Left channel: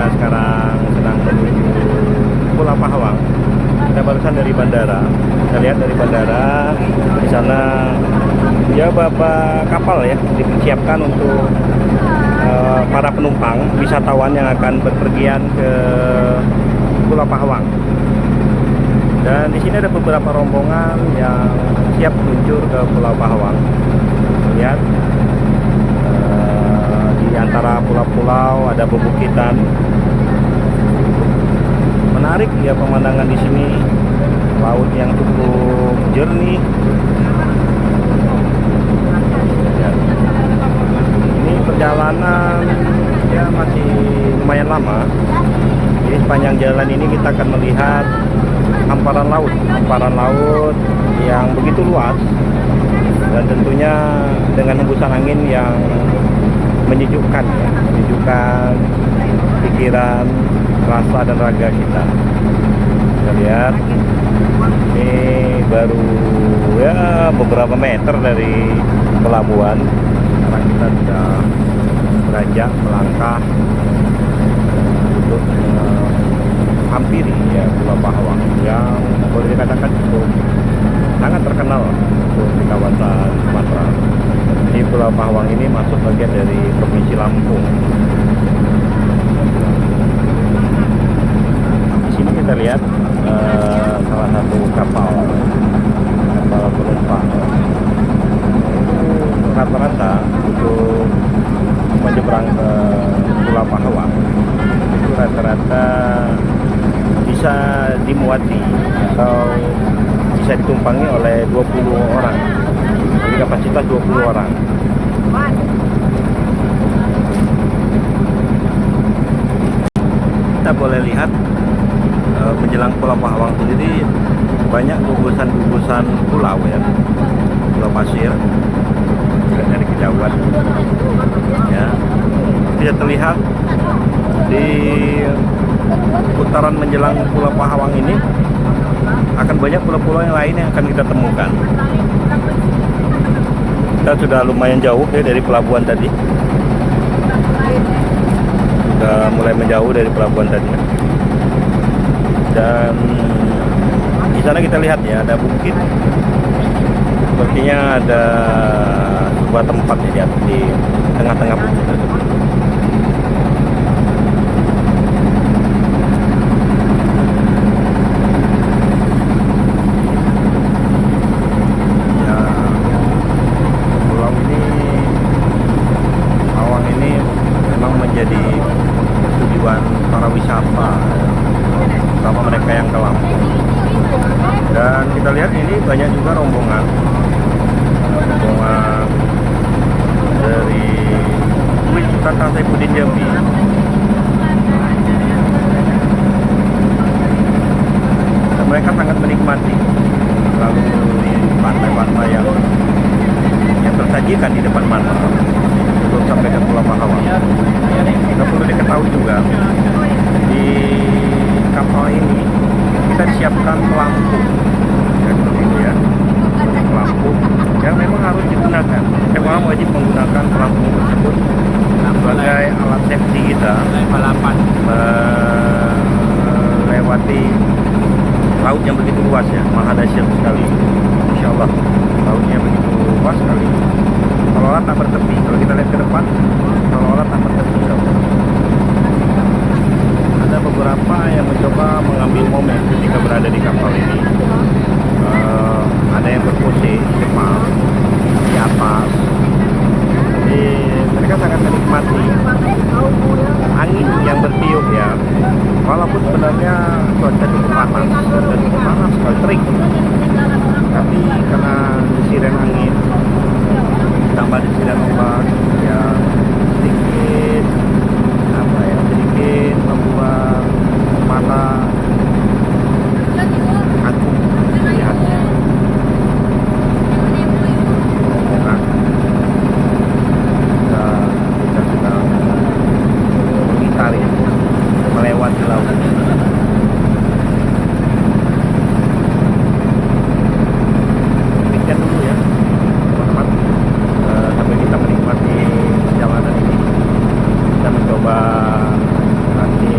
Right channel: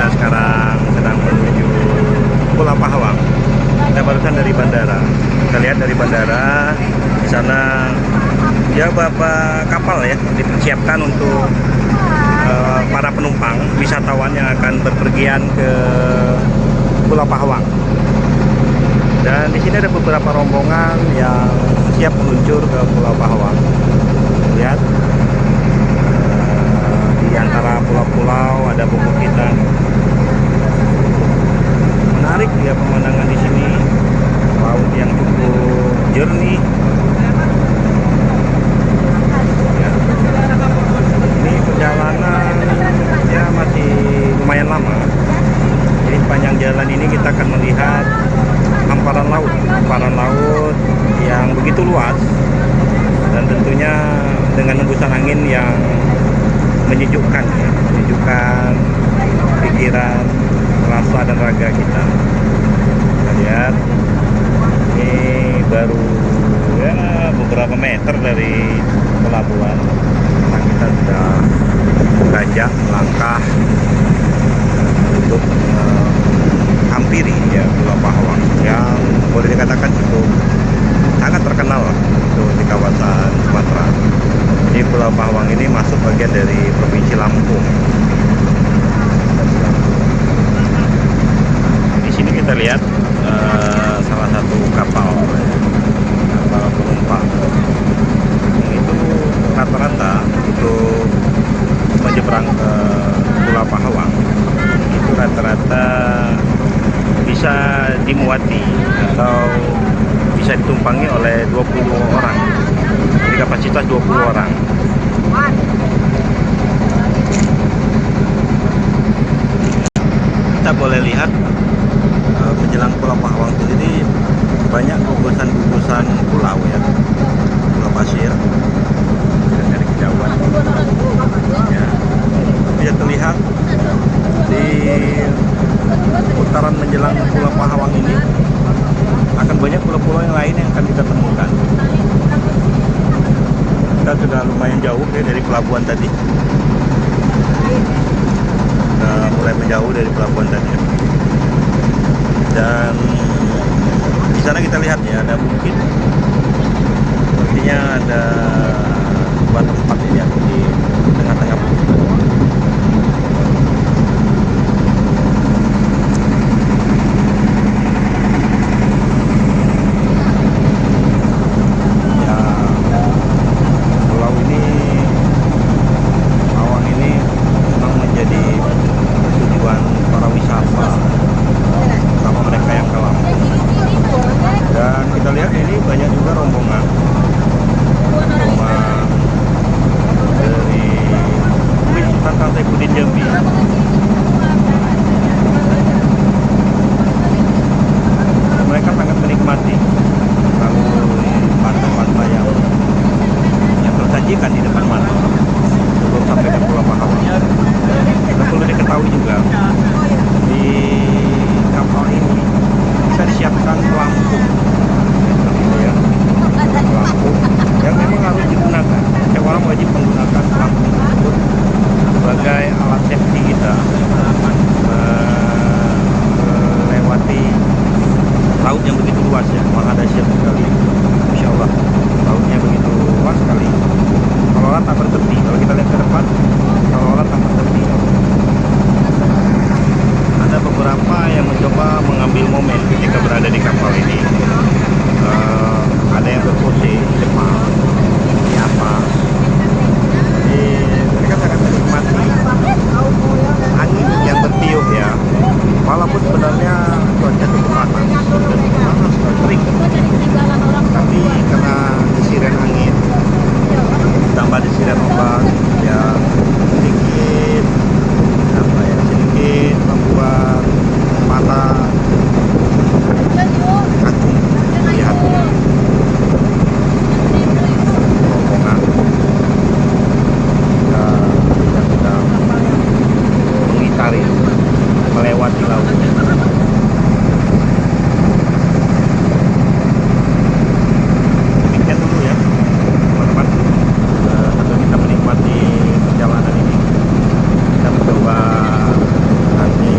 Kita sekarang sedang menuju Pulau Pahawang. Kita barusan dari bandara. Kita lihat dari bandara di sana ya beberapa kapal ya dipersiapkan untuk para penumpang wisatawan yang akan berpergian ke Pulau Pahawang. Dan di sini ada beberapa rombongan yang siap meluncur ke Pulau Pahawang. Lihat di antara pulau-pulau ada pebukitan. Menarik ya pemandangan di sini. Laut yang cukup jernih. Ya. Ini perjalanan ya masih lumayan lama. Jadi sepanjang jalan ini kita akan melihat hamparan laut yang begitu luas, dan tentunya dengan hembusan angin yang menyejukkan ya, menyejukkan pikiran, rasa dan raga kita. Kita lihat ini baru ya beberapa meter dari pelabuhan. Sekarang kita sudah beranjak melangkah untuk hampiri ya Pulau Pahawang yang boleh dikatakan cukup sangat terkenal untuk di kawasan Sumatera. Jadi Pulau Pahawang ini masuk bagian dari Provinsi Lampung. Di sini kita lihat salah satu kapal penumpang. Itu rata-rata untuk menyeberang ke Pulau Pahawang itu rata-rata bisa dimuati atau bisa ditumpangi oleh 20 orang. Jadi kapasitas 20 orang. Kita boleh lihat menjelang Pulau Pahawang sendiri banyak gugusan-gugusan pulau ya. Pulau pasir dari kejauhan ya. Bisa terlihat di putaran menjelang Pulau Pahawang ini akan banyak pulau-pulau yang lain yang akan kita temukan. Kita sudah lumayan jauh ya dari pelabuhan tadi. Sudah mulai menjauh dari pelabuhan tadi. Dan di sana kita lihat ya ada bukit. Sepertinya ada sebuah tempat ya di tengah-tengah bukit. Jadi tujuan para wisata sama mereka yang ke Lampung. Dan kita lihat ini banyak juga rombongan dari Sultan Saifuddin Jambi. Dan mereka sangat menikmati lalu di pantai-pantai yang tersajikan di depan mata sebelum sampai ke Pulau Pahawang. Kita perlu diketahui juga di kapal ini kita disiapkan pelampung ya, seperti itu ya. Ada pelampung yang memang harus digunakan. Setiap orang wajib menggunakan pelampung tersebut sebagai alat safety kita melewati laut yang begitu luas ya, maha dahsyat sekali. Insya Allah lautnya begitu luas sekali. Seolah-olah tak bertepi. Kalau kita lihat ke depan, seolah-olah tak bertepi. Ada beberapa yang mencoba mengambil momen ketika berada di kapal ini. Ada yang berpose di depan, di atas. Jadi mereka sangat menikmati angin yang bertiup ya. Walaupun sebenarnya cuaca cukup panas sekali, terik. Tapi karena desiran angin tambah desiran ombak yang sedikit membuat mata kagum melihatnya. Rombongan kita sedang mengitari melewati lautnya. Demikian dulu ya teman-teman, sambil kita menikmati perjalanan ini, kita mencoba nanti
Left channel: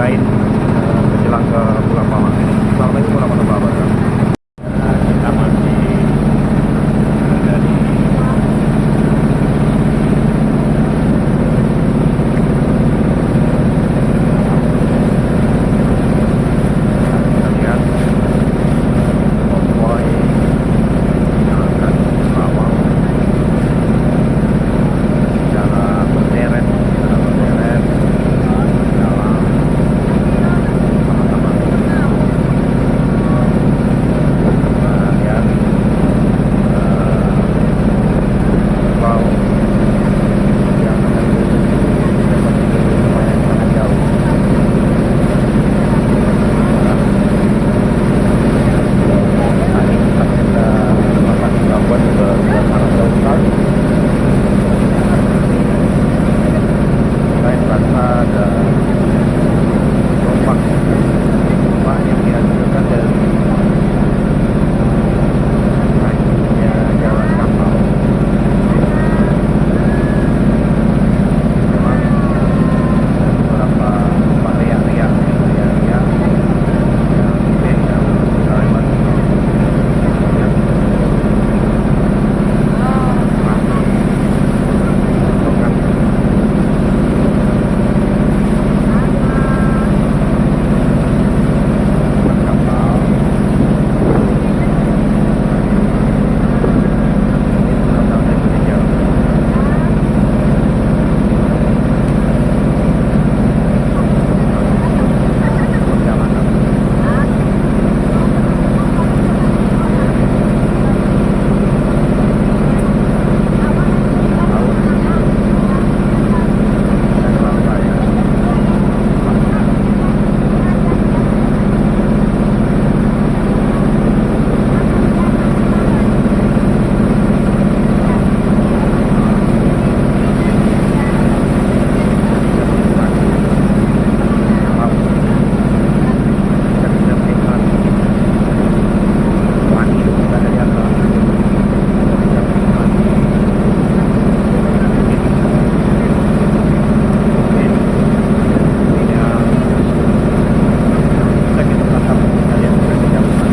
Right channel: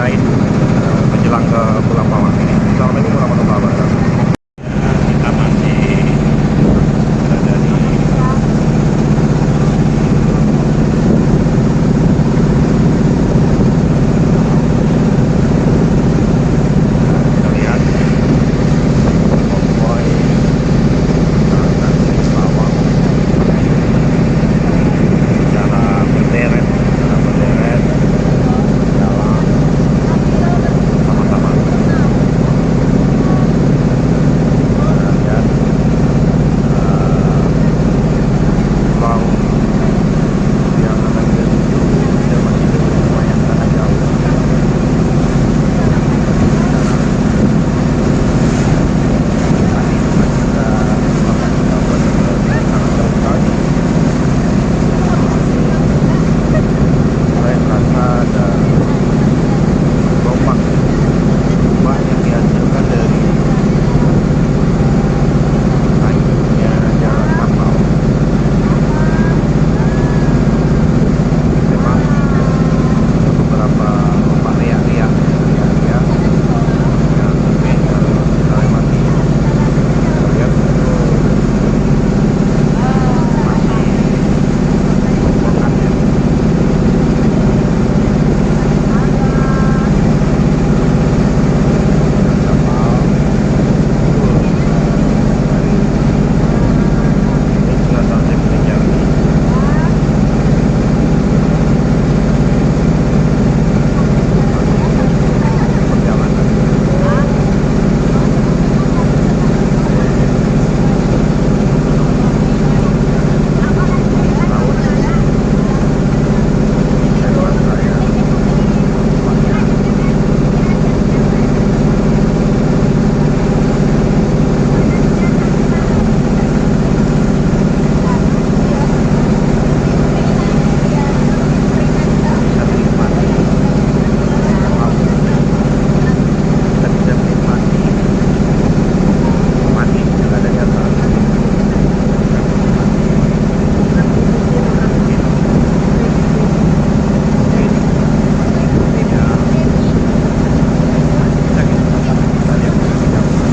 selain menjelang ke Pulau Pawang ini. Assalamualaikum warahmatullahi wabarakatuh. Ya, kita masih berada di kita lihat konvoy yang akan ke Kerawang secara berderet jalan sama-sama. Kita lihat pulau yang akan dituju dan masih lumayan sangat jauh. Sekarang tadi tempat kita melakukan gabung ke Marang Jauh, mulai terasa ada gelombang yang dihasilkan dari naiknya jalan kapal. Memang ada beberapa ombak riak-riak yang beda kita lewati. Kita lihat masih rombongannya. Kapal dari Selatan Indonesia perjalanan laut dan rantaian ombaknya. Kita bisa menikmati laut, kita bisa menikmati langit yang ada di atas, kita bisa menikmati yang bisa ditatap kita lihat dari kejauhan.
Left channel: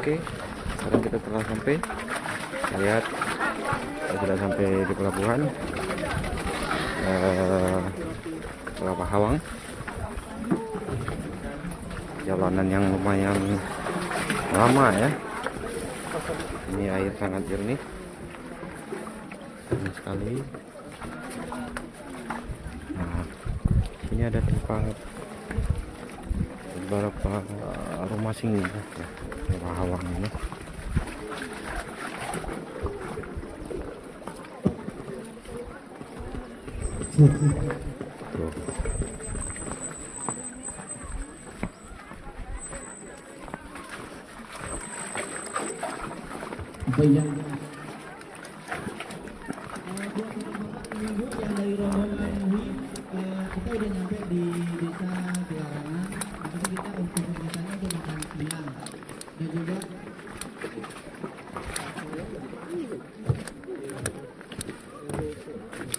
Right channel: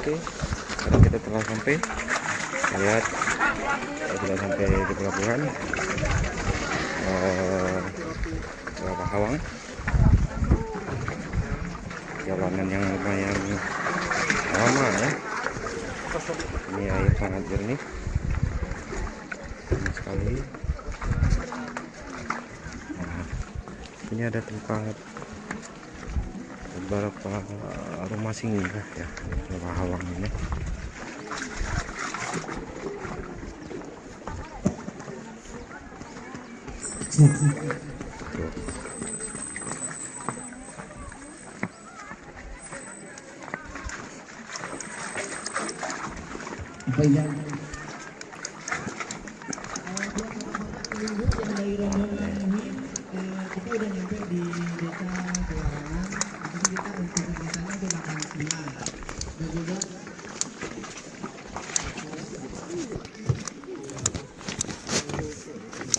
Oke, sekarang kita telah sampai. Lihat, kita sudah sampai di pelabuhan Pulau Pahawang. Jalanan yang lumayan lama ya. Ini air sangat jernih sekali. Nah, ini ada tempat beberapa rumah singgah ya di Pahawang ini. Tuh.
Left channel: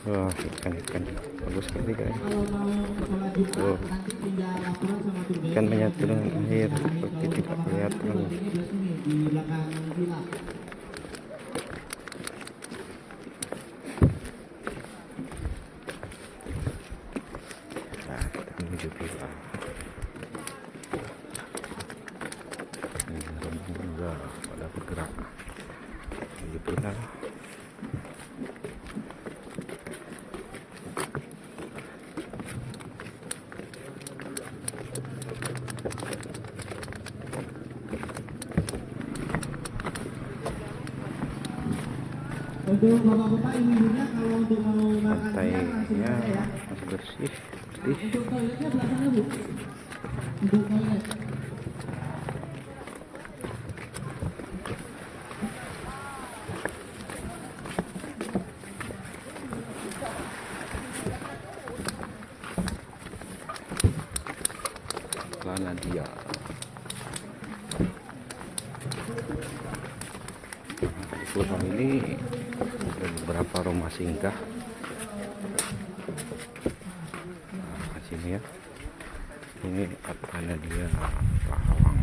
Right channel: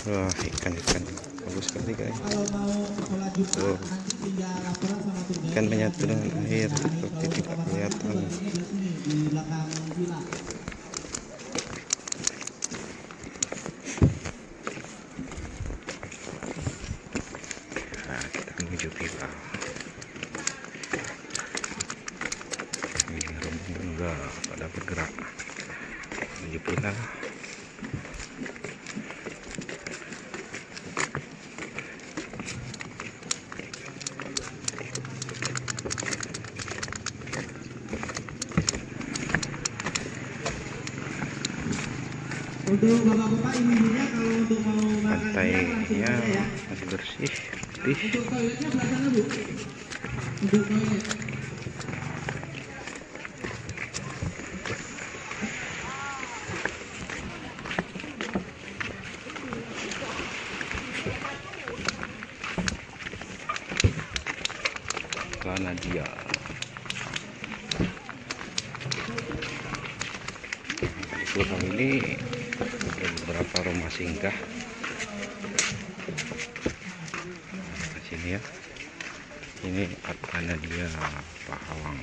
Wah, ikan-ikan bagus sekali guys. Tuh. Ikan menyatu dengan air seperti tidak kelihatan. Nah, kita menuju pipa. Ini rombongan udah pada bergerak menuju pipa. Untuk bapak-bapak ibu-ibunya kalau untuk mau Pantainya masih bersih, putih. untuk toiletnya sebelah sana bu. Untuk toilet. Kanadia. Di pulau ini ada beberapa rumah singgah. Nah, sini ya. Ini Kanadia Pahawang.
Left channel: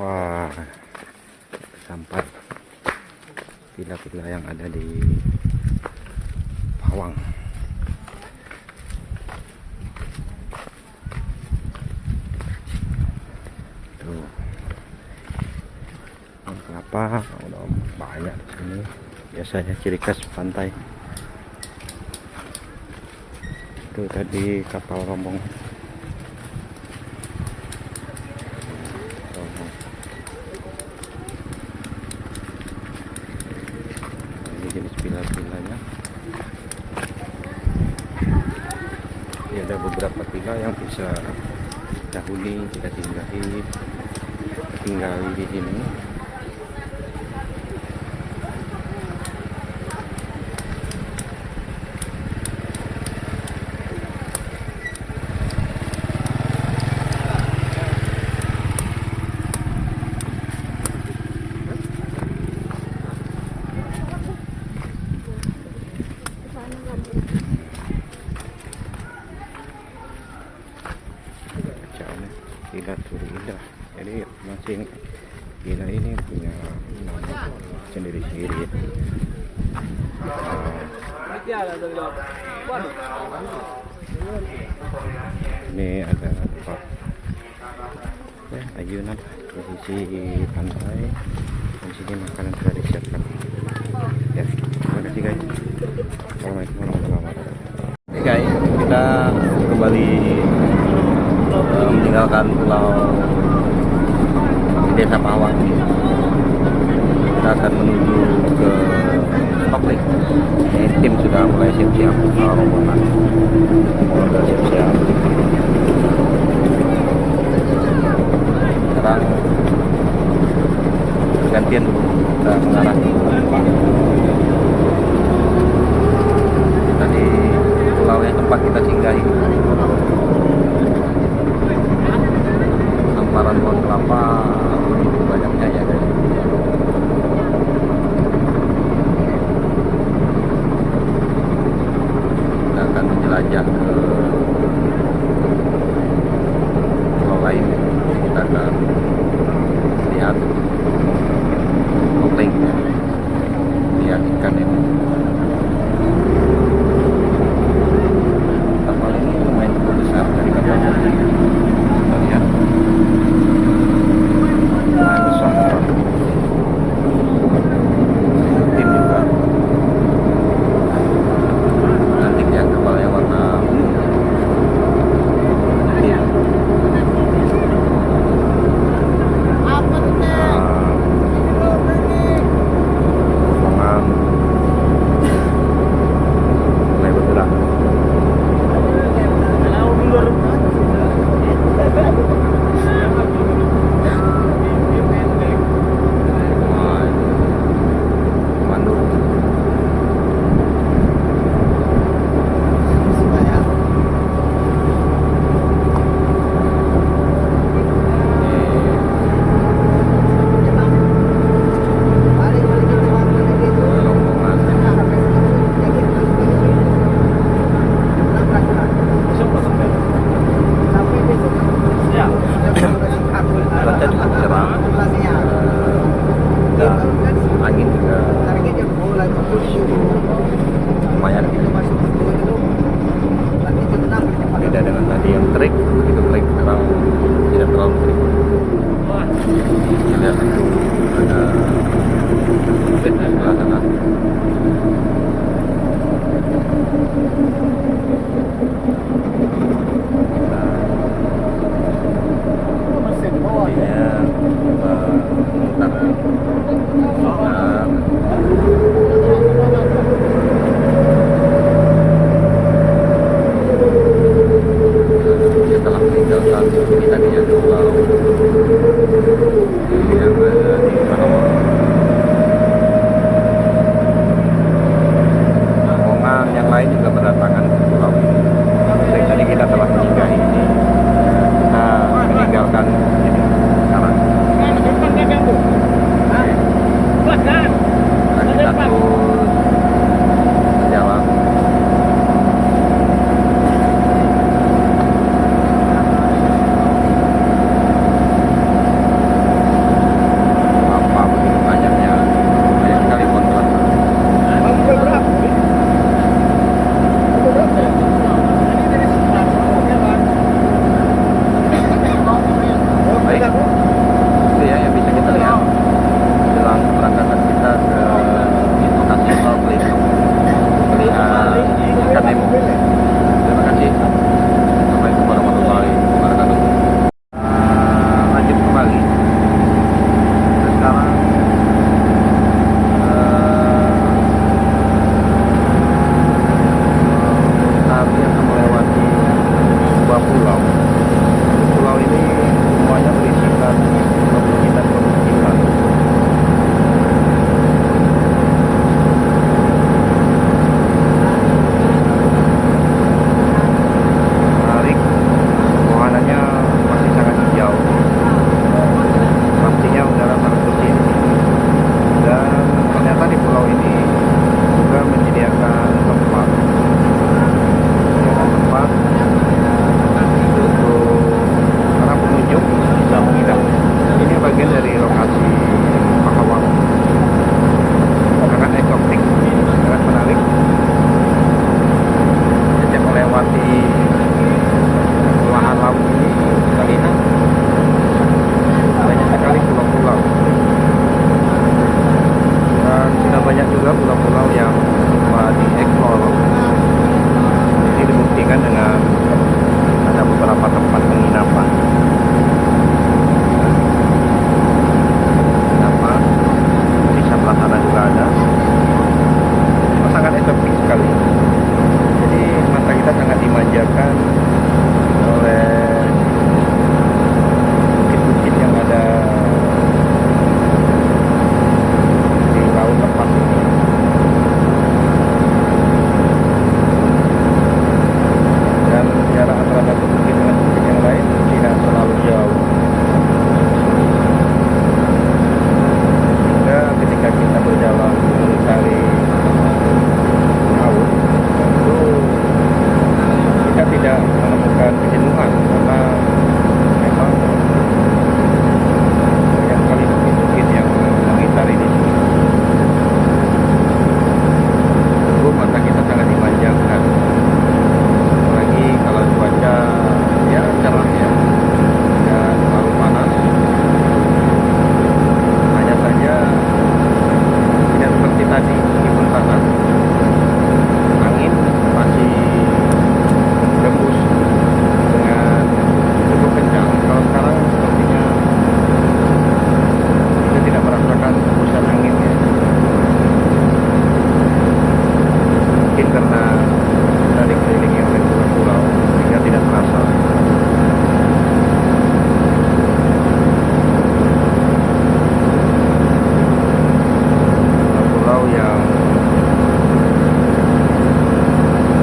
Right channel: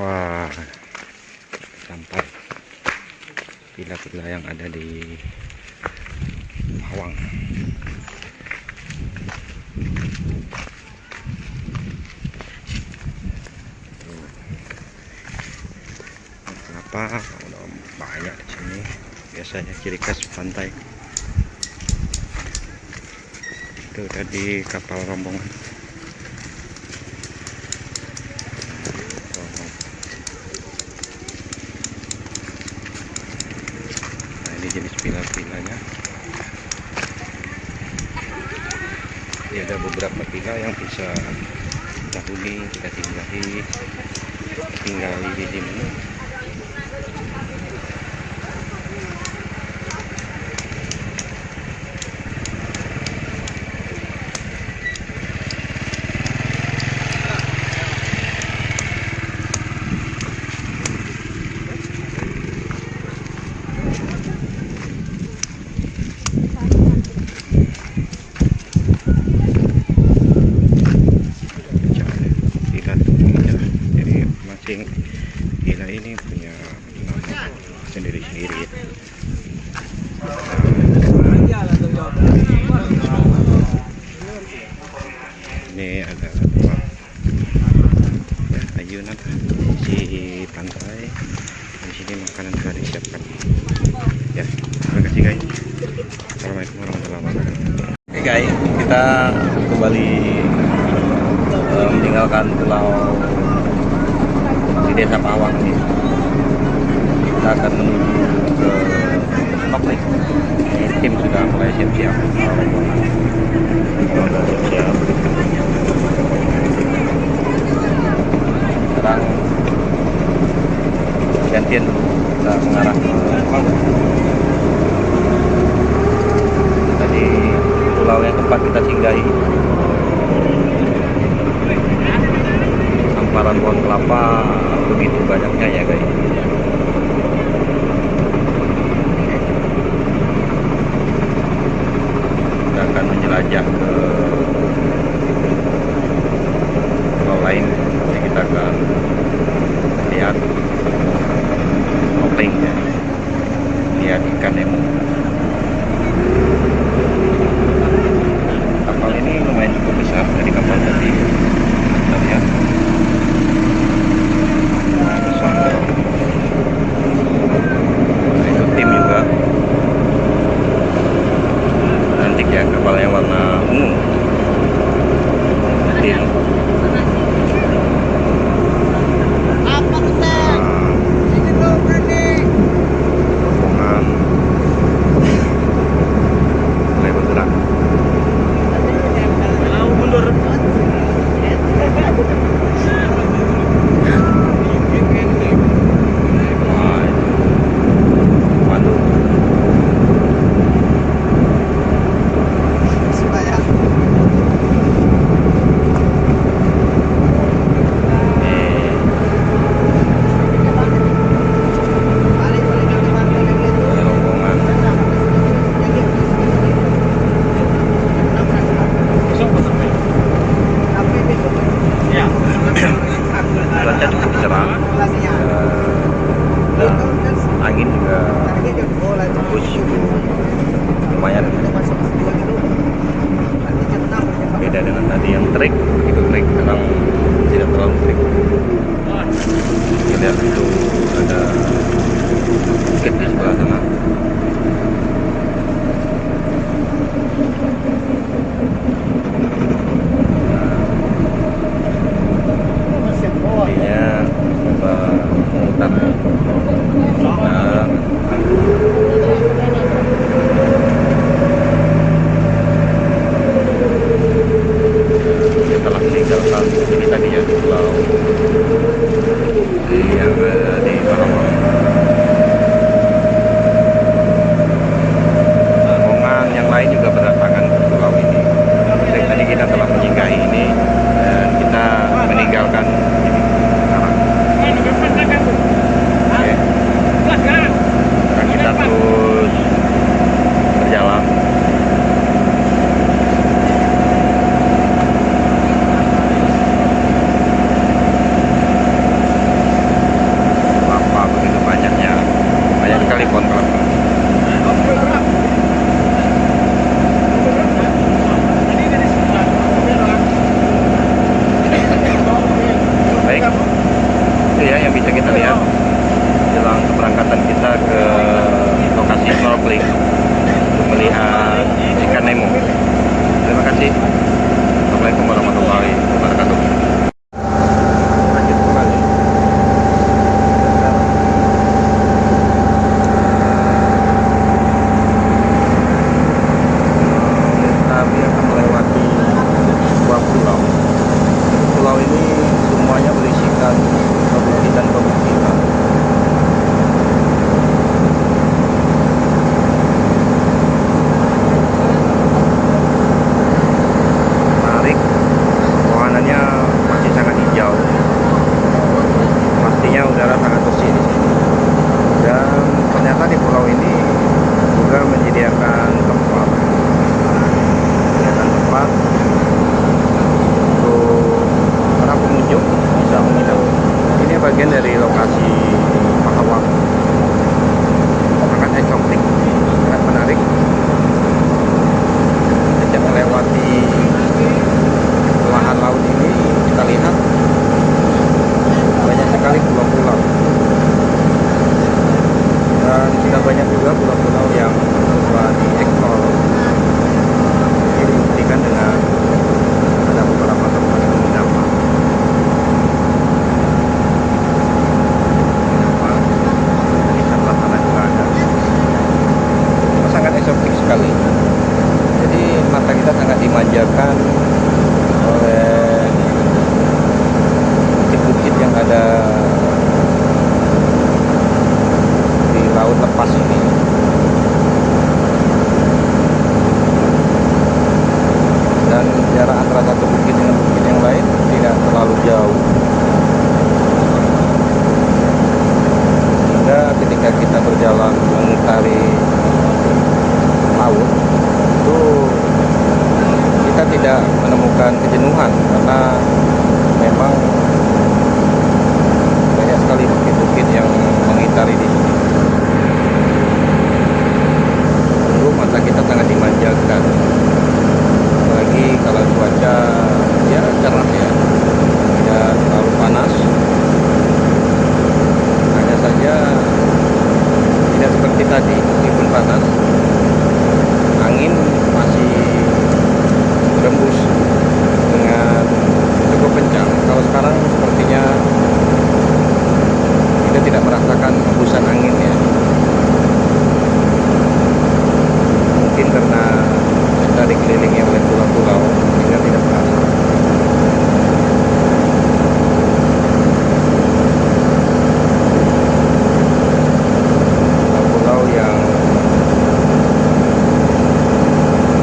Wah, sampai villa-villa yang ada di Pahawang. Tuh, kenapa udah banyak di sini? Biasanya ciri khas pantai. Itu tadi kapal rombongan. Nah, ini jenis villa-villanya. Ini ada beberapa villa yang bisa kita huni, kita tinggali di sini. Jadi masing villa ini punya nama sendiri-sendiri ya. Ini ada tempat ya, ayunan di pantai. Di sini makanan telah disiapkan. Ya, terima kasih guys. Assalamualaikum warahmatullahi wabarakatuh. Oke guys, kita kembali meninggalkan pulau di desa Pahawang ini. Kita akan menuju ke snorkeling. Ini tim sudah mulai siap-siap, rombongan sudah siap-siap. Sekarang bergantian dulu, kita mengarah ke tadi pulau yang tempat kita singgahi. Hamparan pohon kelapa begitu banyaknya ya guys. Kita akan menjelajah ke pulau lain. Jadi kita akan lihat snorkeling ya, lihat ikan nemo. Kapal ini lumayan cukup besar dari kapal tadi. Kita lihat. Itu tim juga cantik ya, kapalnya warna ungu. Tim rombongan mulai bergerak. Cuaca cukup cerah dan angin juga bagus, cukup lumayan. Beda dengan tadi yang terik, begitu terik, sekarang tidak terlalu terik. Kita lihat itu ada bukit di sebelah sana. Setelah meninggalkan ini tadinya pulau yang ada di Pahawang. Rombongan yang lain juga berdatangan ke pulau ini. sangat bersih. Dan ternyata di pulau ini juga menyediakan tempat untuk para pengunjung bisa menginap. Ini bagian dari lokasi Pakawang, sangat eksotik, sangat menarik. Sejak melewati belahan laut ini kita lihat banyak sekali pulau-pulau, dan sudah banyak juga pulau-pulau yang coba dieksplor. Ini dibuktikan dengan ada beberapa tempat penginapan. Di sebelah sana juga ada. Sangat eksotik sekali. Jadi mata kita sangat dimanjakan oleh bukit-bukit yang ada di laut lepas ini. Dan jarak antara satu bukit dengan bukit yang lain tidak terlalu jauh. Sehingga ketika kita berjalan mengitari laut itu kita tidak menemukan kejenuhan, karena memang banyak sekali bukit-bukit yang mengitari di sini. Sungguh mata kita sangat dimanjakan, apalagi kalau cuaca ya cerah ya, tidak terlalu panas. Hanya saja tidak seperti tadi, meskipun panas, angin masih berembus dengan cukup kencang. Kalau sekarang sepertinya kita tidak merasakan hembusan anginnya. Mungkin karena kita dikelilingi oleh pulau-pulau sehingga tidak terasa. Pulau-pulau yang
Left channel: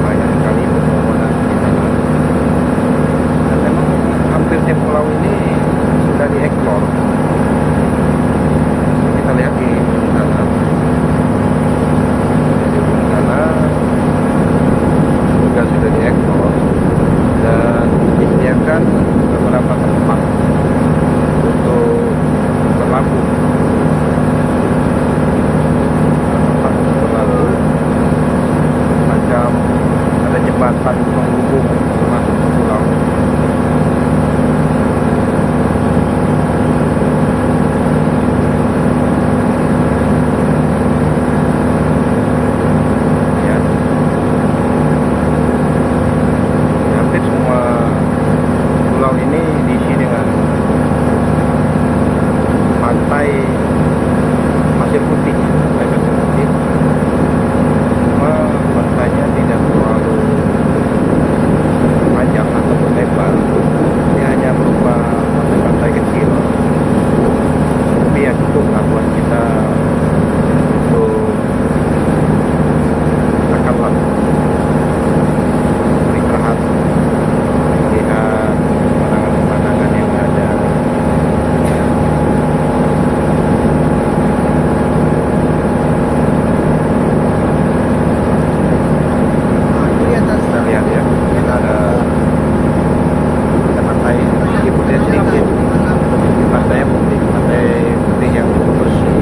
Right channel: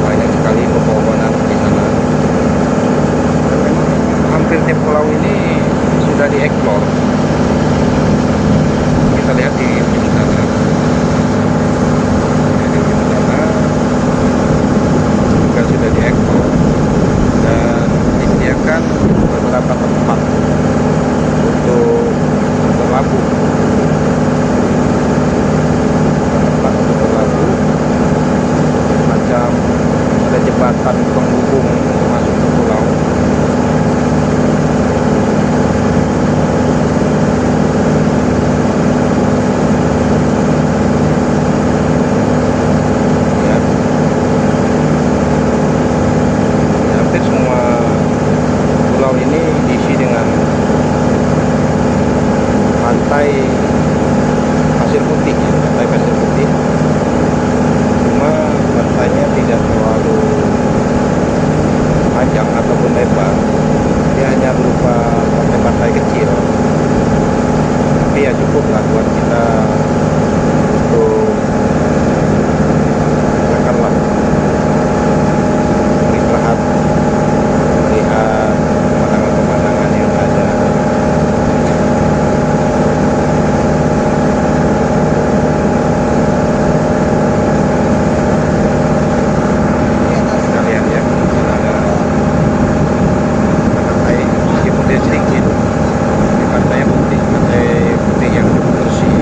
banyak sekali pepohonan di sana. Dan memang hampir tiap pulau ini sudah dieksplor. Kita lihat di ujung sana. Di ujung sana juga sudah dieksplor dan disediakan beberapa tempat untuk berlabuh. Tempat untuk berlabuh, macam ada jembatan penghubung untuk masuk ke pulau. Ya, hampir semua pulau ini diisi dengan pantai pasir putih, pantai pasir putih. Cuma pantainya tidak terlalu panjang ataupun lebar, dia hanya berupa pantai-pantai kecil. Tapi ya cukup lah buat kita untuk katakanlah beristirahat, melihat pemandangan-pemandangan yang ada. Kita lihat ya, kan ada pantai meskipun dia sedikit, di pantainya putih, pantai putih yang cukup bersih.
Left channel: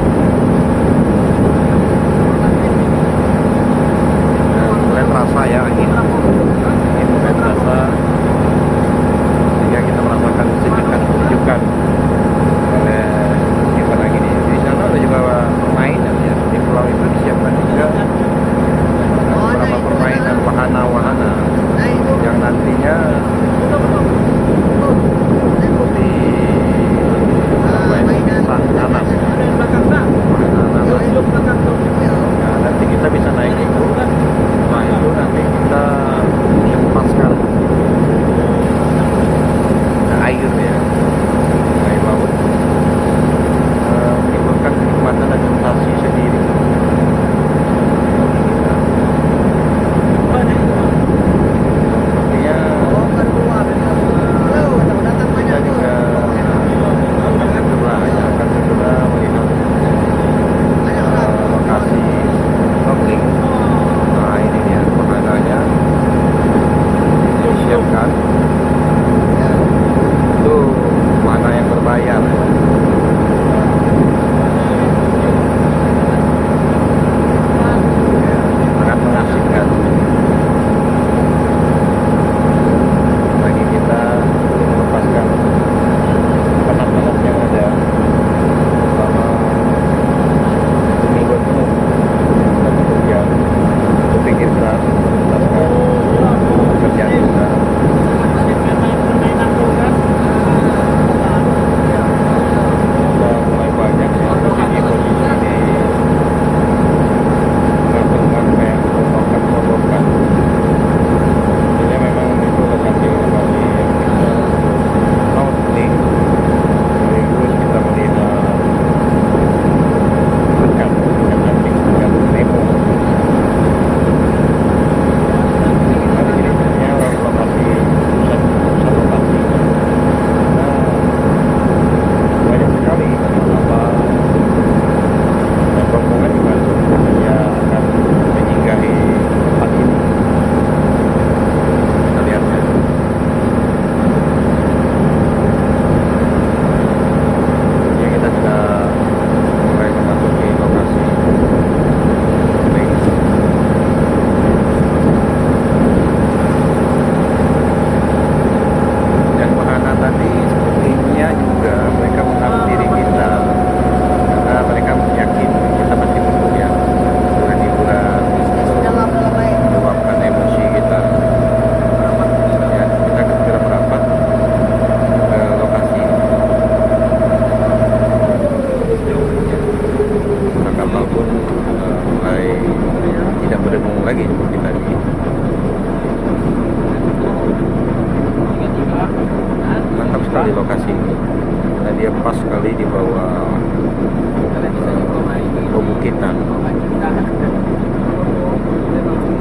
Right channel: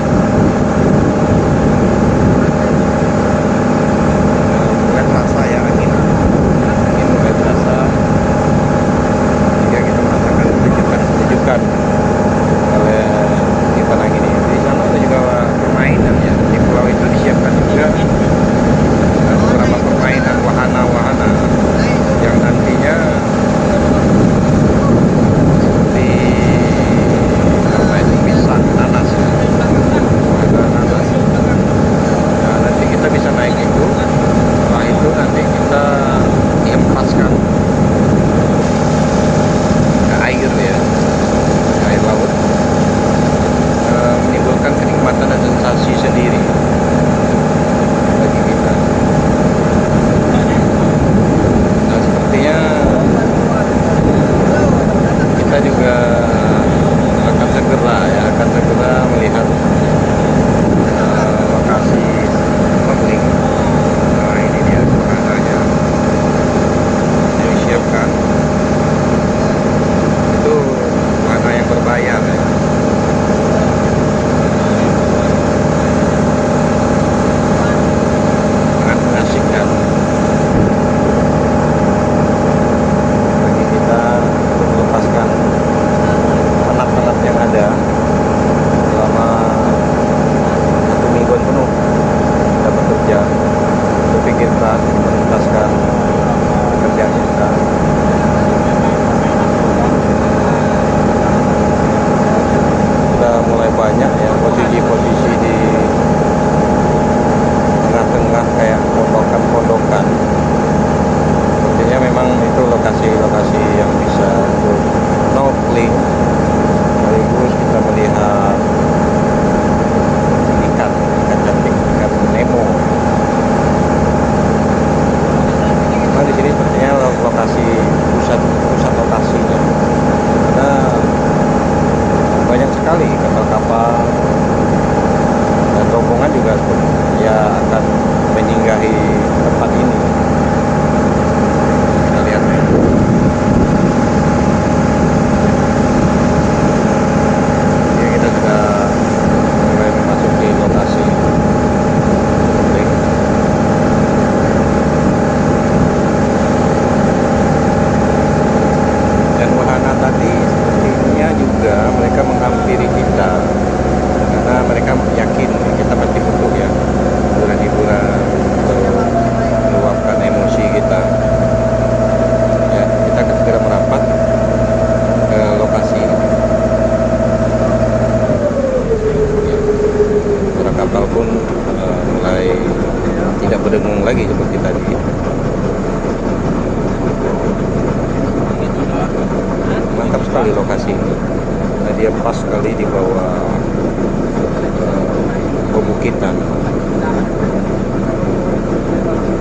perbukitan.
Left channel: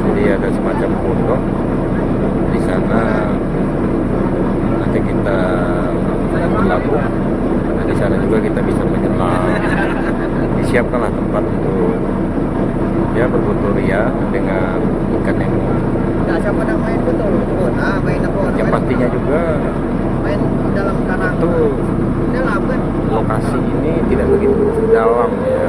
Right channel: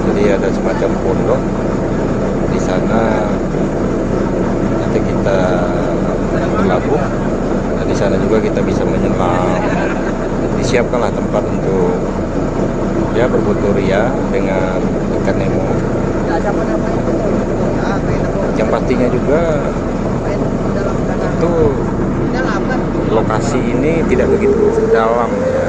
Jadi ada semacam pondok di sana. Nanti kita berlabuh. Nah, di sana juga kita bisa menyelam. Disiapkanlah tempat untuk ya berfotoria dengan ikan Nemo. Yang pastinya juga itu lokasi ini tidak begitu dalam ya.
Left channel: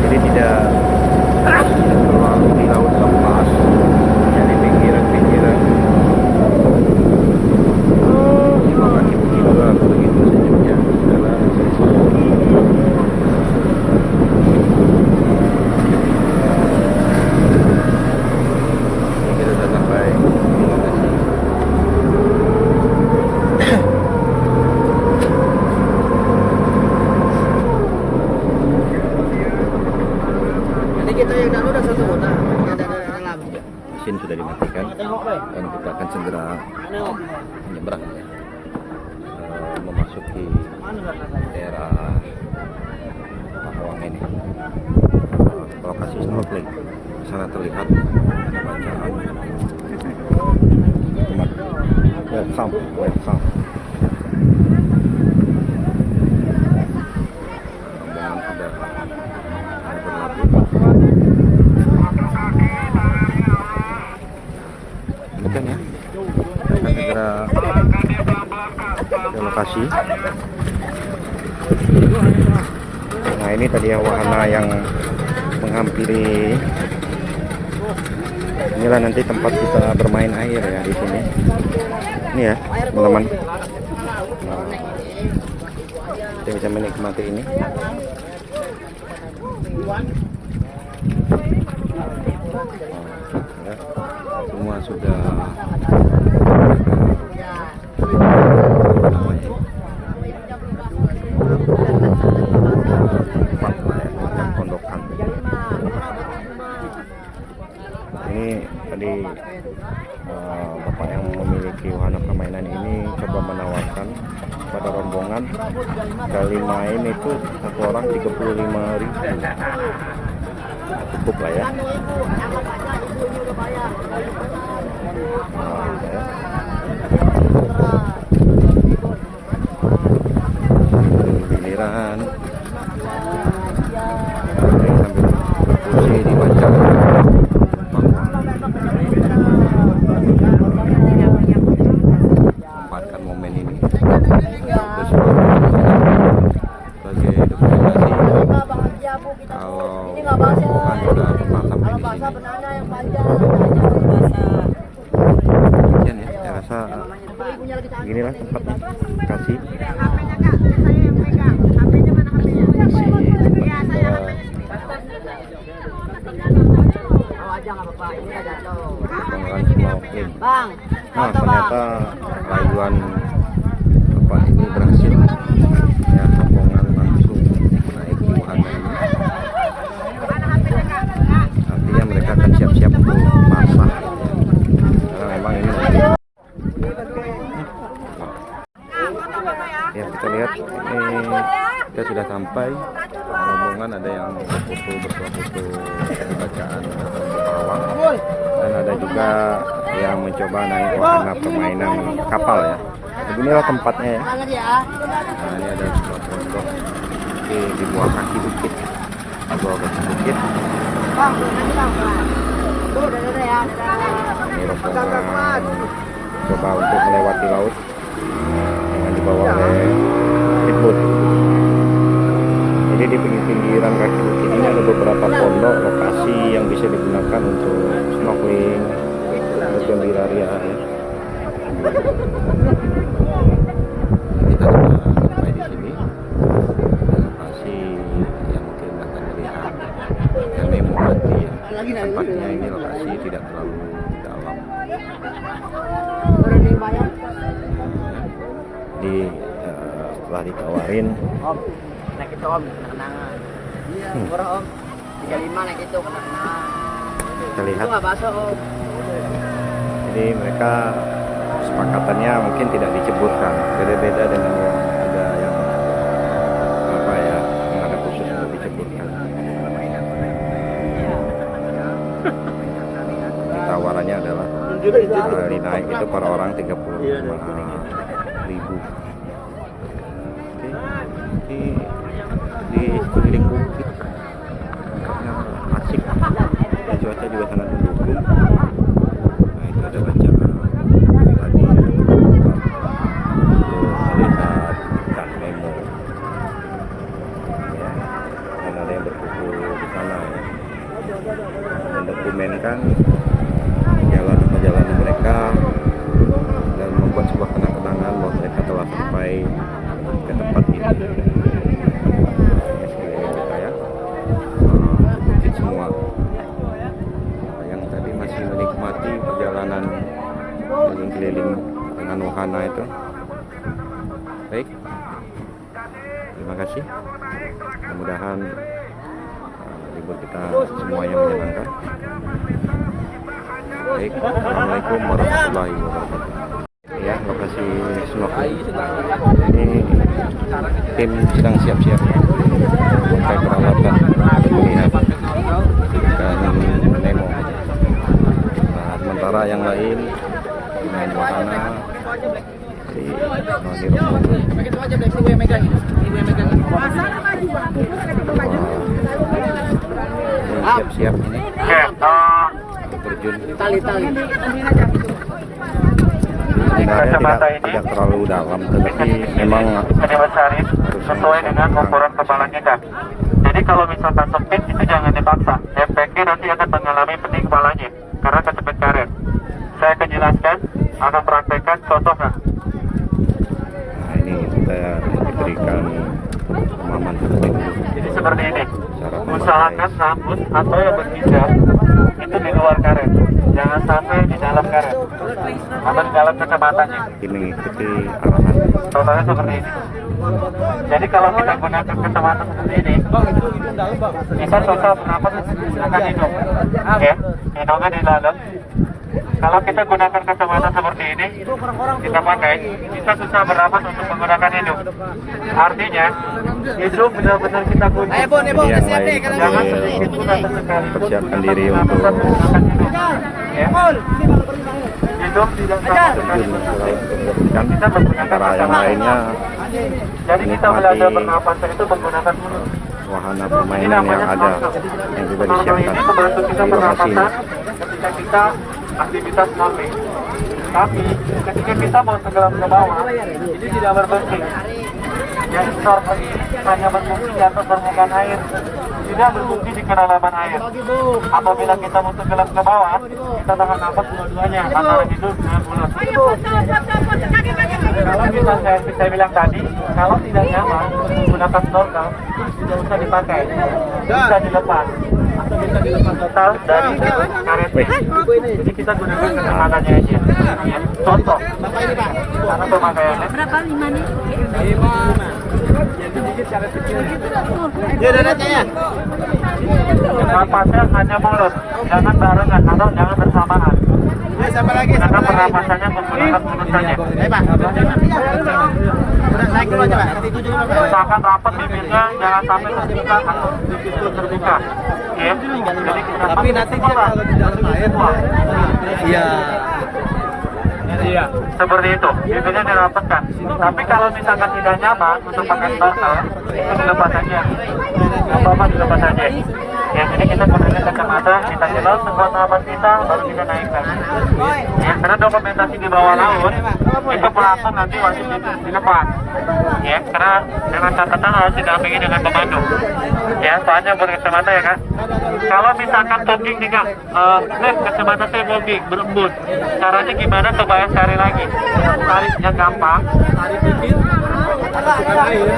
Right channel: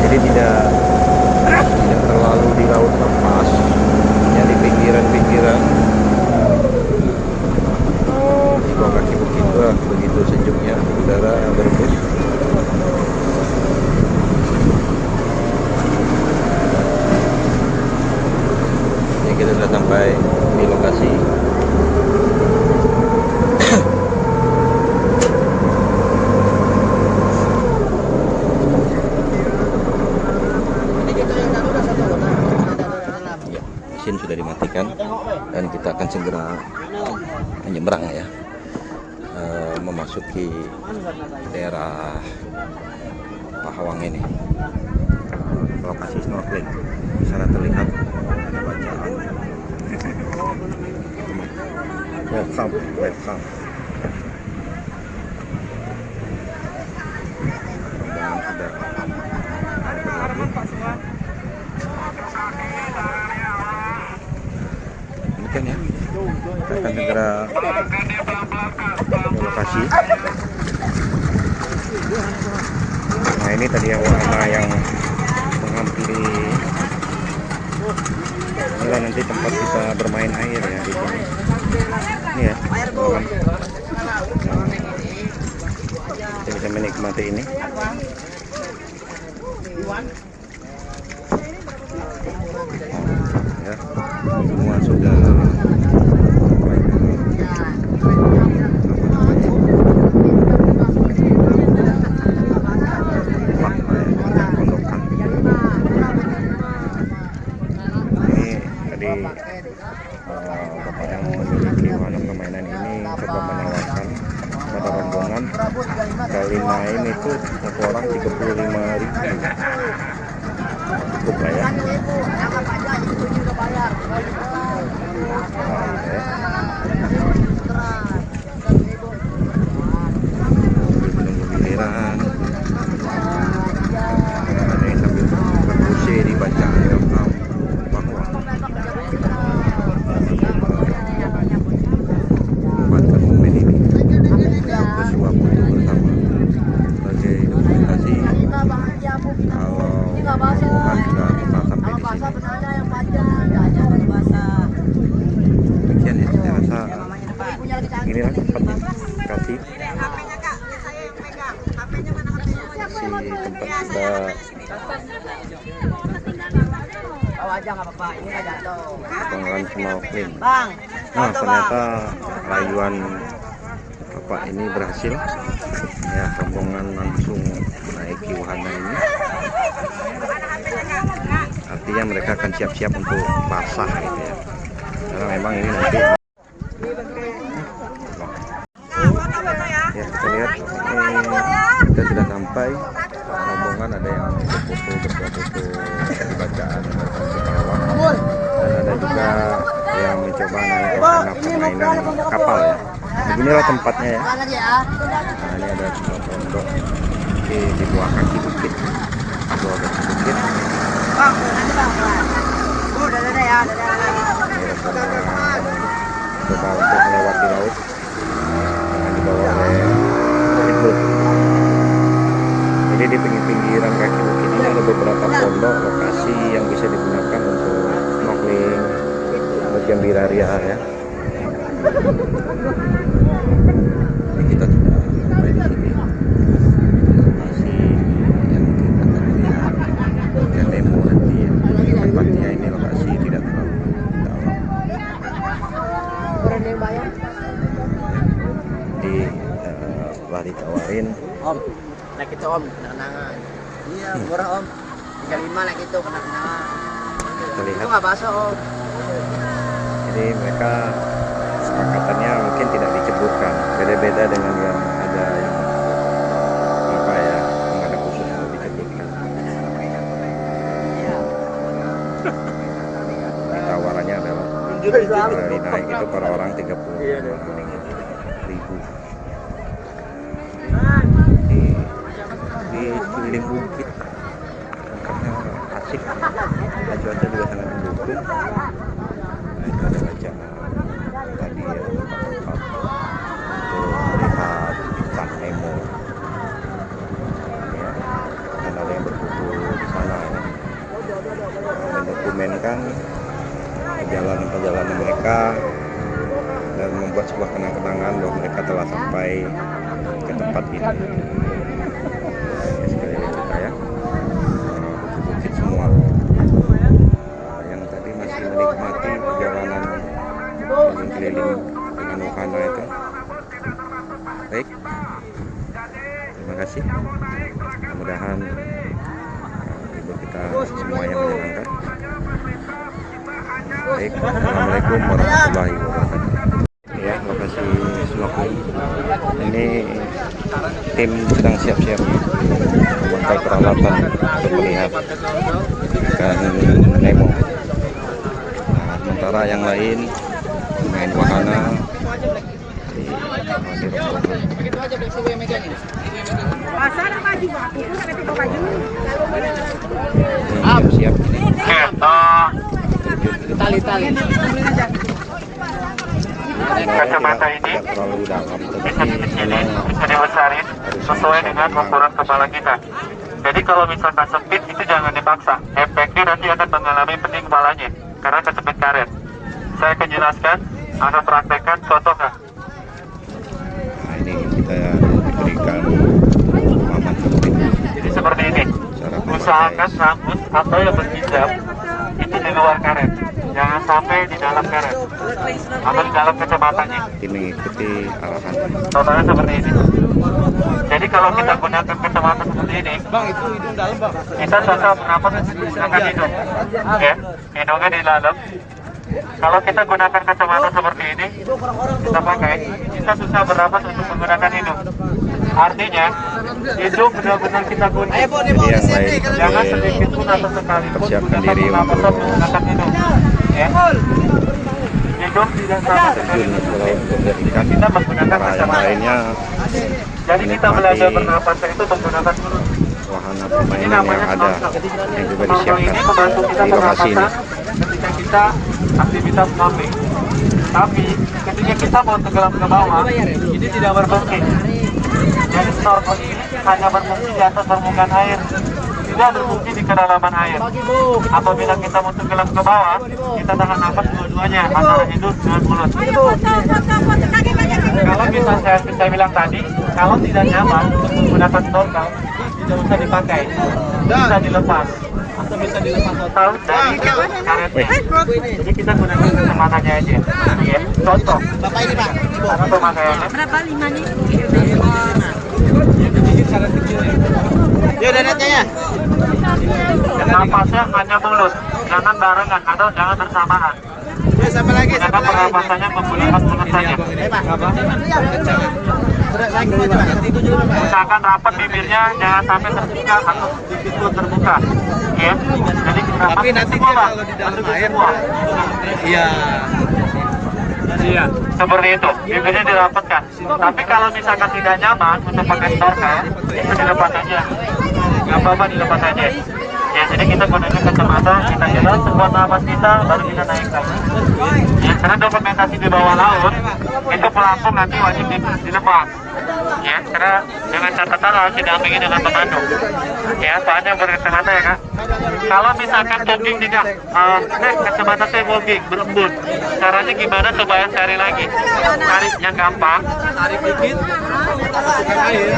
Jadi tidak terlalu di laut lepas, ya di pinggiran-pinggiran. Di bawah kaki bukit juga begitu sejuk ya, udara berembus. Ini kita sudah sampai di lokasi. Mesin sudah dimatikan dan kita akan segera menyeberang ya, memasuki daerah Pahawang ini. Lokasi snorkeling di sana terlihat ada bacaan welcome ya. Rombongan sudah berlabuh. Demikian ya, kita akan segera ke lokasi. Nah, ini tadi ya wahana yang menghampiri. Inilah nanti tempat kita bermain air ya di sini. Ini ya teman-teman. Nah, kita bisa menikmati ini. Nah, ya, semua sudah apa namanya? Tempat lah ya, macam pondokan. Ini tadi bapak yang memiliki wahana permainan ini coba menawarkan pada rombongan kali main itu satu orang 35.000. Cukup lah ya. Oke. Menunggu giliran. Ini sambil berfungsi dibaca bahwa manfaatkan momen ini sebagai dokumentasi kalau rombongan sudah pernah sampai di sini. Demikian ya, saya rasa beginilah tempatnya. Kasih lapangan snorkeling. Nah, ternyata rayuan bapak ini berhasil ya, rombongan langsung menaiki wahana ini. Artinya mereka akan siap-siap untuk basah gitu ya, karena memang ini nanti ya, kita lihat ini kita sudah sampai rombongan. Ada yang berfoto, bersuah foto di bacaan Pahawang, dan ada juga yang mencoba naik wahana permainan kapal ya. Beginilah tempatnya ya. Nah, ini ada sebuah pondok di bawah kaki bukit, di bawah kaki bukit. Ini rombongan coba untuk melewati laut yang dibawa oleh speedboat. Jadi di pinggiran kaki bukit ini ada beberapa pondok lokasi yang bisa digunakan untuk snorkeling, bergembira ria ya. Jadi kita sudah sampai di sini, di lokasi yang mungkin akan melihat ikan Nemo nanti ya. Tempatnya ini lokasi tidak terlalu dalam. Jadi setelah ditawarin, Om, naik itu Om, kenangan. Iya, murah Om. 35 naik itu kenangan. kita lihat. Itu nggak bakso Om. Jadi mereka kesepakatannya mungkin tidak diceburkan. Jadi berbeda dengan yang ada yang apa ya, yang ada khusus untuk diceburkan. Tawarannya adalah naik itu per orang 35.000. Di keliling bukit, tempatnya asik dan cuaca juga sangat mendukung. Nah, itu ada bacaan tadi ya, tempat untuk melihat ikan Nemo ya, dan ada yang berkumpul di sana ya, mendokumenkan perjalanan mereka dan membuat sebuah kenang-kenangan bahwa mereka telah sampai ke tempat ini. Ya, sekalian kita ya, bukit semua. Yang tadi masih menikmati perjalanan keliling-keliling dengan wahana itu. Baik, terima kasih. Mudah-mudahan libur kita semuanya menyenangkan. Baik, assalamualaikum warahmatullahi wabarakatuh. Ya, lokasi snorkeling. Ini tim sedang siap-siap memakai peralatan untuk melihat ikan Nemo. Nah, sementara yang lain main wahana di rombongan. Ini siap-siap terjun. Kacamata ini tidak terlalu dalam, tetapi memang bisa dibesarin sesuai dengan ukuran kepala kita. Jadi kalau misalkan sempit itu jangan dipaksa. Efeknya nanti akan mengalami pening kepalanya karena kecepet karet. Saya akan jelaskan, akan praktekkan contohnya. Nah, ini kita diberikan pemahaman Seperti ini. cara memakai. Usahakan rambut atau yang berhijab itu di luar karet, jangan sampai di dalam karet atau di dalam kacamatanya. Ini mengikuti arahan. Contohnya seperti ini. Jadi kalau kita gunakan kacamata seperti ini, kita susah bernapas menggunakan hidung, ya, hidungnya di dalam. Kalau kita gunakan kacamata seperti ini, kita pakai, kita susah bernapas untuk menggunakan hidung. Artinya, hidung benar-benar kita gunakan. Jadi yang lain sambil persiapkan diri untuk ya. Hidung tidak sama sekali. terjun ke laut untuk melihat ikan. Kita menggunakan Sementara yang kacamata. lainnya Jadi kita menikmati belajar bernapas itu menggunakan mulut. wahana permainan yang ada, yang juga disiapkan Ini membantu kita di lokasi ini. pernapasan ketika kita aktivitas snorkeling. Tapi ketika kita mau tenggelam ke bawah, ini tidak berfungsi. Jadi snorkel ini hanya berfungsi di atas permukaan air, tidak berfungsi di kedalaman air. Apabila kita mau tenggelam ke bawah, kita tahan nafas dua-duanya antara hidung dengan mulut. Kalau bisa saya bilang tadi, kalau tidak nyaman untuk menggunakan snorkel, tidak usah dipakai, bisa dilepas atau bisa dilepas total dari karetnya. Jadi kita gunakan kacamatanya aja. Ya, contoh. Bapak ini Pak. Contoh pakaiannya. Berapa 5 nih? Ya udah ya. Napasnya hanya mulut, jangan barengan atau jangan bersamaan. Gunakan pernapasannya menggunakan mulut saja. Usahakan rapat bibirnya, jangan sampai terbuka atau sedikit pun terbuka. Ya, jadi kita Tapi nanti semua, kalau di dalam masuk air, semua. Iya. Iya, seperti itu. Bibirnya dirapatkan. Tapi kalau misalkan tidak nyaman untuk pakai snorkel, itu dilepas saja. Nggak apa-apa, dilepas saja. Ya, jadi kita gunakan kacamata, kita jelas sekuat nafas kita, baru kita naikkan. Ya, karena dokumentasi di bawah laut, itu pelampung nanti wajib dilepas. Ya, karena dengan catatan harus didampingi dengan pemandu. Ya, soalnya berkacamata ya Kak. Kalau misalkan fogging juga, kacamata saya fogging, berembun. Caranya gimana supaya cari lagi? Tariknya gampang. Tarik dikit, masukkan air,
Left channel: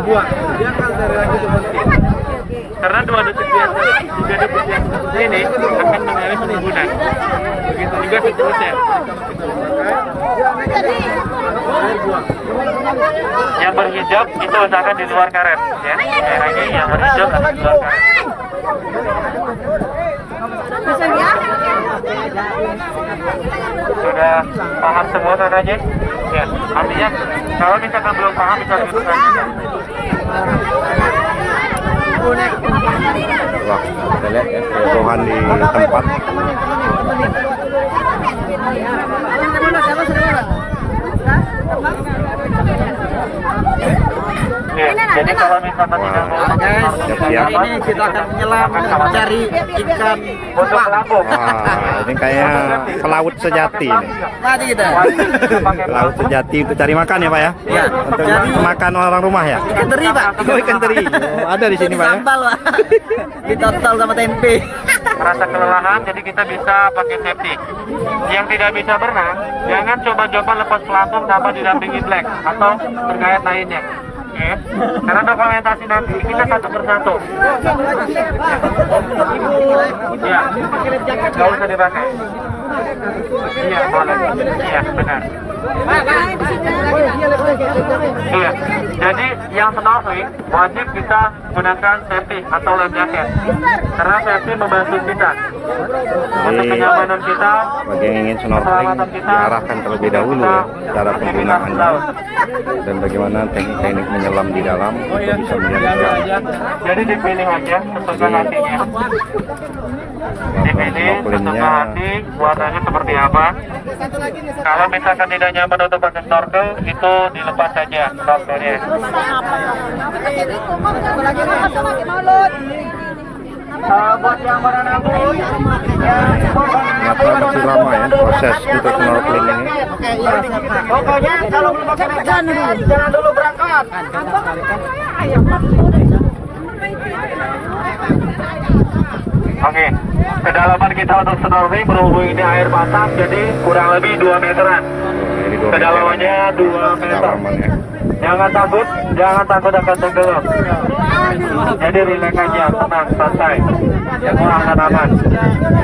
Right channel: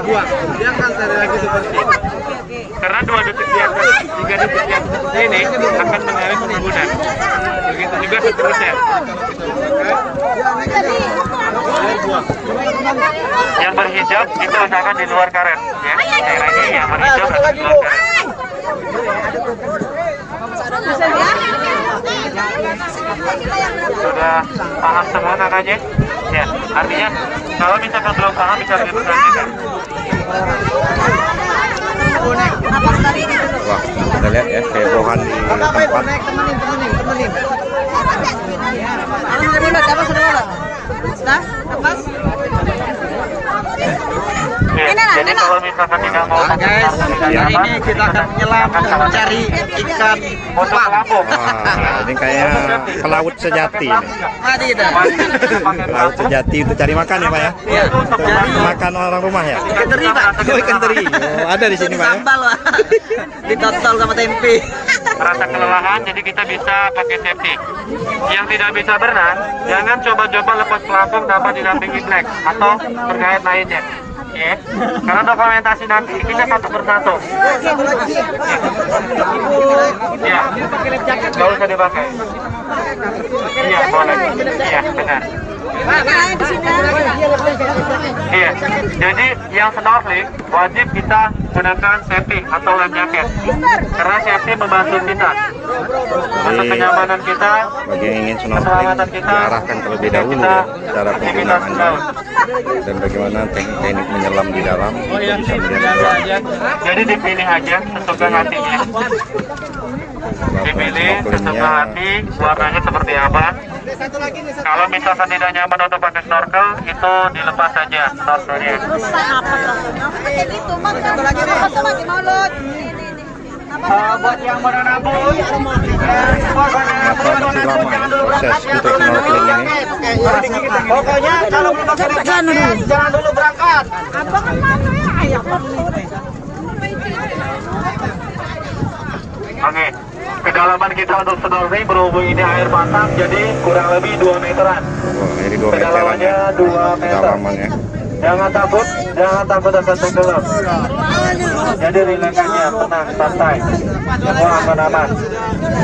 buang. Dia akan cari lagi seperti ini. Karena 2 detik di atas, 3 detik di atas seperti ini akan mengalami penimbunan. Begitu juga seterusnya. Air buang. Yang berhijab itu usahakan di luar karet. Ya, sekali lagi yang berhijab harus di luar karet. Bisa ya? Sudah paham semua tandanya? Ya, artinya kalau misalkan belum paham bisa begitu saja kan? Wah, kita lihat ya kehebohan di tempat. Ya, jadi kalau misalkan tidak mau Guys, hari ini kita akan menyelam mencari ikan untuk pelampung, Wah, ini kayak pelaut sejati ini. Tadi kita. wajib kita pakai Pelaut pelampung. sejati untuk cari makan ya, Pak ya? Untuk makan orang rumah ya? Ikan teri, Pak. Oh, ikan teri. Oh, ada di sini, Pak ya? Sambal, Pak. Ditotol sama tempe. Merasa kelelahan, jadi kita bisa pakai safety. Yang tidak bisa berenang, jangan coba-coba lepas pelampung tanpa didampingi black atau terkait lainnya. Oke, karena dokumentasi nanti kita satu persatu. Ya, nggak usah dipakai. Iya, boleh. Iya, benar. Iya, jadi yang snorkeling wajib kita gunakan safety atau life jacket karena safety membantu kita untuk kenyamanan kita. Bagi yang ingin snorkeling diarahkan terlebih dahulu ya cara penggunaannya dan bagaimana teknik-teknik menyelam di dalam untuk bisa melihat ikan. Jadi dipilih aja sesuka hatinya. Dipilih sesuka hati warnanya seperti apa. Kalau misalkan tidak nyaman untuk pakai snorkel, itu dilepas saja snorkelnya. Buat yang berenang pun, ya Ternyata masih lama ya proses untuk snorkeling ini. pokoknya kalau belum pakai life jacket, jangan dulu berangkat. Oke, kedalaman kita untuk snorkeling berhubung ini air pasang, jadi kurang lebih 2 meteran. Oh, ini 2 meteran Kedalamannya ya. 2 meter. Kedalamannya. Jangan takut akan tenggelam. Jadi relax aja, tenang, santai. Semua akan aman.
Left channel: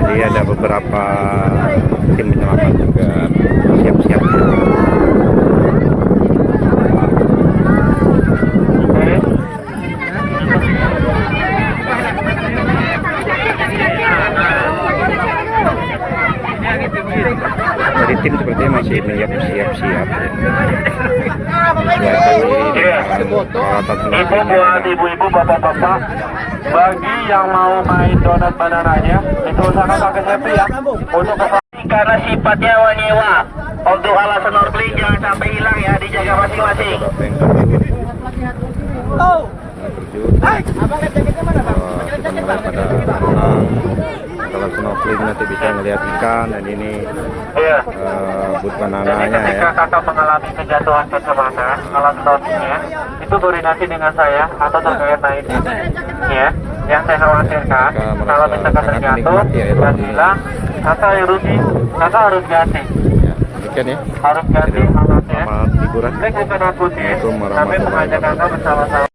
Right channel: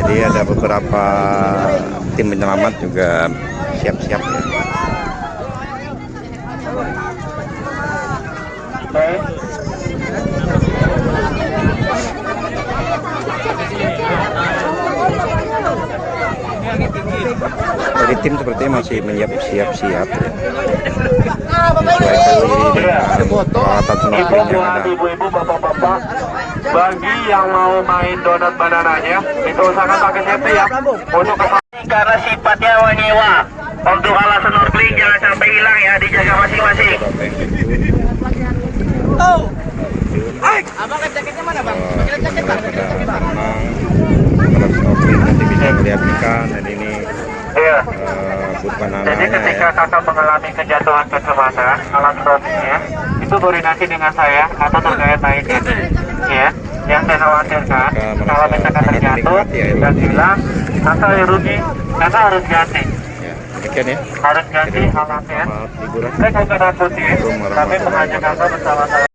Jadi ada beberapa tim penyelamat juga siap-siap ya. Oke. Jadi tim sepertinya masih siap-siap ya. Menyesuaikan diri dengan peralatan Itu snorkeling yang buat ada. ibu-ibu, bapak-bapak. Bagi yang mau main donat banananya, itu usahakan pakai safety ya. Untuk karena sifatnya wanyewa. Untuk alat snorkeling jangan sampai hilang ya, dijaga masing-masing. Beberapa yang terjun. Kita mulai pada berenang. Kalau snorkeling nanti bisa ngelihat ikan dan ini Iya. but Jadi banananya ketika ya. kakak mengalami kejatuhan kacamata, alat snorkelingnya itu koordinasi dengan saya atau terkait lainnya. Ya, yang saya khawatirkan Kakak merasa kalau misalkan sangat terjatuh menikmati air dan laut ini. hilang, kakak rugi, kakak harus ganti, Ya, demikian ya. harus ganti Jadi, alatnya. selamat liburan. Saya bukan akutin, Assalamualaikum kami warahmatullahi mengajak kakak wabarakatuh. bersama-sama.